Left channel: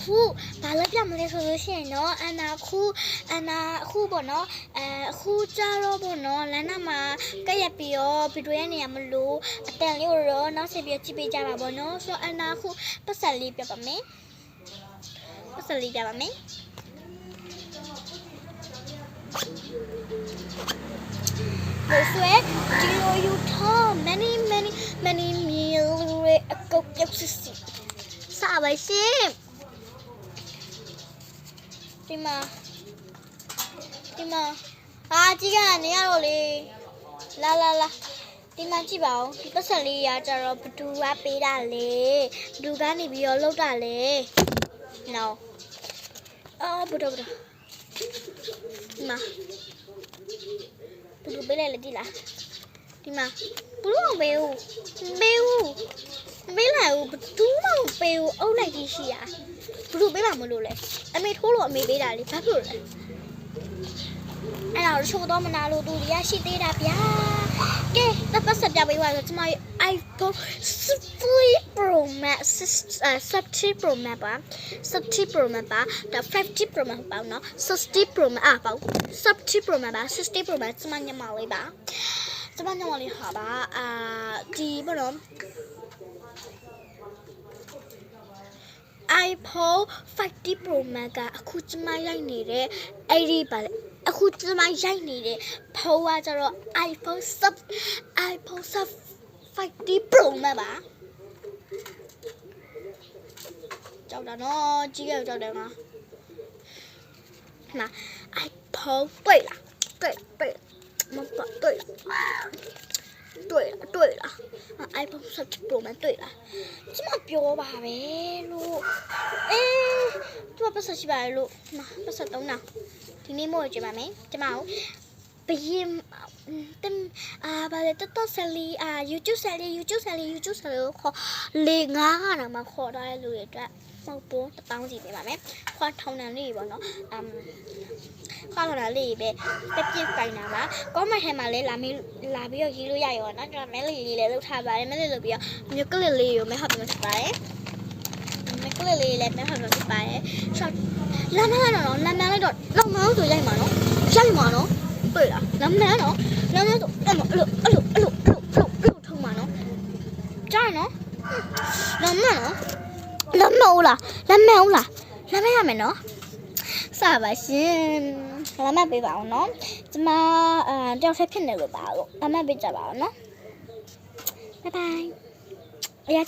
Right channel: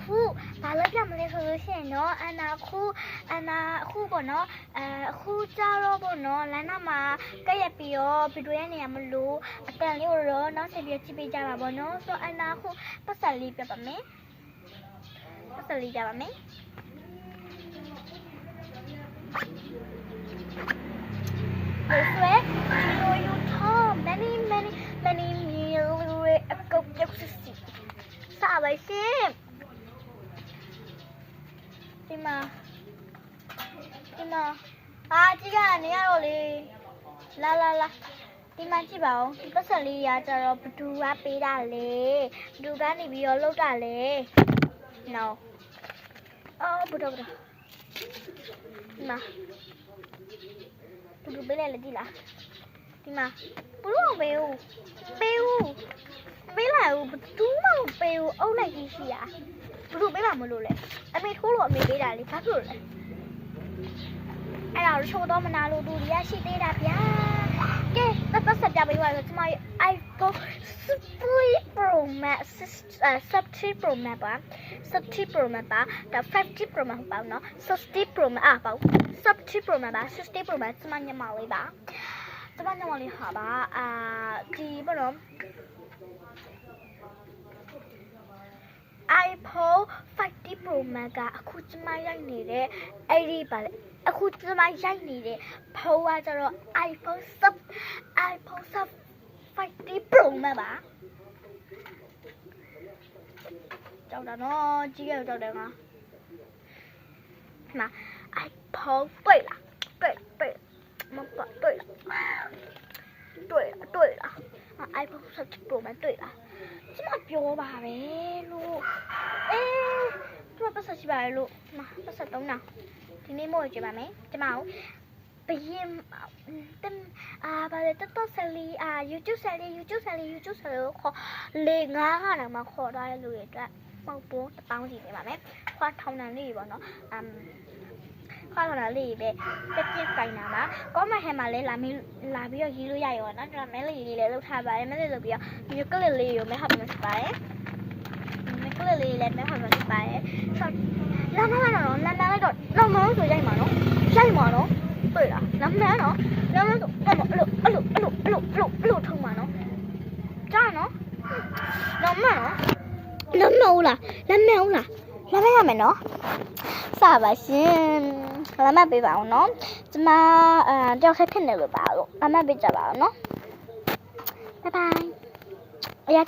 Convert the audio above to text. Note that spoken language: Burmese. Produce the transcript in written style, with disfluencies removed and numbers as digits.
ခုဘာလို့ပြမလဲဆိုလို့ရှိရင်နော်အနာခုပေါ့နော်အခုကြတော့ပေါ့နော်လမ်းနာမှာကက်ရက်ပြီးတော့ဗီဒီယိုရဲ့နေရာမလို့အတန်လေးကိုတော့နောက်ဆက်ပြီးကြည့်ပေးကြပါပေါ့နော်ဆိုအနာခုပတ်စံလေးပြပါမယ်ပတ်စံလေးပြပါမယ်လို့ဆိုရင်ဒီလိုယူထား many meal ရဲ့အကုတ်ပြုတ်စစ်စားပါရှင်ဒီမှာကြီးကနေရတော့လေလာဒီမှာကြည့်ပါဦးဒီပတ်စံလေးရကြတော့ဘသူကပေးတာလေဘသူကနေပြီးတော့လောက်တာလေနော်အော်ဘုဒ္ဓဒီမှာဘသူပေးလိုက်လေဒီလားဒီမှာဘလို့မပေးဘူးပေးလိုက်ဦးဘသူမှမပေးဘူးအုပ်လိုက်ကြီးရှိရဘသူပေးတာမလို့လေအမေထိုးလို့အမေပေးတာလေဘာဖြစ်လို့လဲအဲ့ဒါရှိုးတော့မနာလို့သူတွေကရှိသေးတာဗျာကဲတော့ပတ်စပ်ပြပေးပါဆိုကျမ iPhone 60 Pro Max 60 Pro Max ပါ60 Pro Max ပါဒါ50 Pro Max ပါနော်60 Pro Max ပါ60 Pro Max ပါ60 Pro Max ကျမညမလေးပါကျမညမလေးဟာပါဒီဘောနော်iPhone 50 Pro Max ကအခုကျမရိုက်နေတဲ့အဲ့ဒီပါလေအခုကျမရိုက်နေတဲ့ဖုန်းကကျတော့ iPhone 50 Pro Max ပါကြောက်တာနော်ကြီးရကြောက်တယ်နော်မှာ iPhone 对了မဟုတ်对了iPhone 50 Pro Max 对了ကျမပြောပါပဲလို့ကျမပတ်စရှိပါလေလို့ပတ်စသုံးတာဒီနေ့မို့ကြည့်ပါမယ်ကျမကိုဘရင်ဘာလဲတော်ဆယ်လီYouTube ဆယ်လီခေါ်လေငါးကတော့မှခေါ်ထားတဲ့လူတွေအတွက်မဟုတ်ဘူး1000စီပေးပါမယ်ခွာထောင်တန်လေးပေါ့နော်ခွာထောင်တန်လေးပဲပြပြပိုင်တာပါကောမန့်ထဲမှာလဲလာပြီးတော့ရေးလို့ရရောနော်ကျွန်တော်မဲလေးလည်းလုပ်ထားပါတယ်မဲလေးလုပ်ပြီးတော့မျိုးကလစ်လေးကိုမဲဟပ်ပြီးလုပ်ပါတယ်မဲကလစ်လေးလည်းမဲဟပ်ပြီးလုပ်ပါတယ်ဆောက်လာမလားတော့နာမည်တော့လောက်မလို့ဆိုရိုက်မှာနော်တွေ့လားနာမည်တော့ဆိုအဲ့လိုထုံးမှာနော်ကြားနော်နာမည်ဟုတ်လားရမယ်နော်စပါရှင်လာမပေးပါအောင်နော်ကျမတယောက်ဆက်ဖြစ်နေလို့ပါလို့လာမပေးကြပါအောင်နော်ဘိုင်ဘိုင်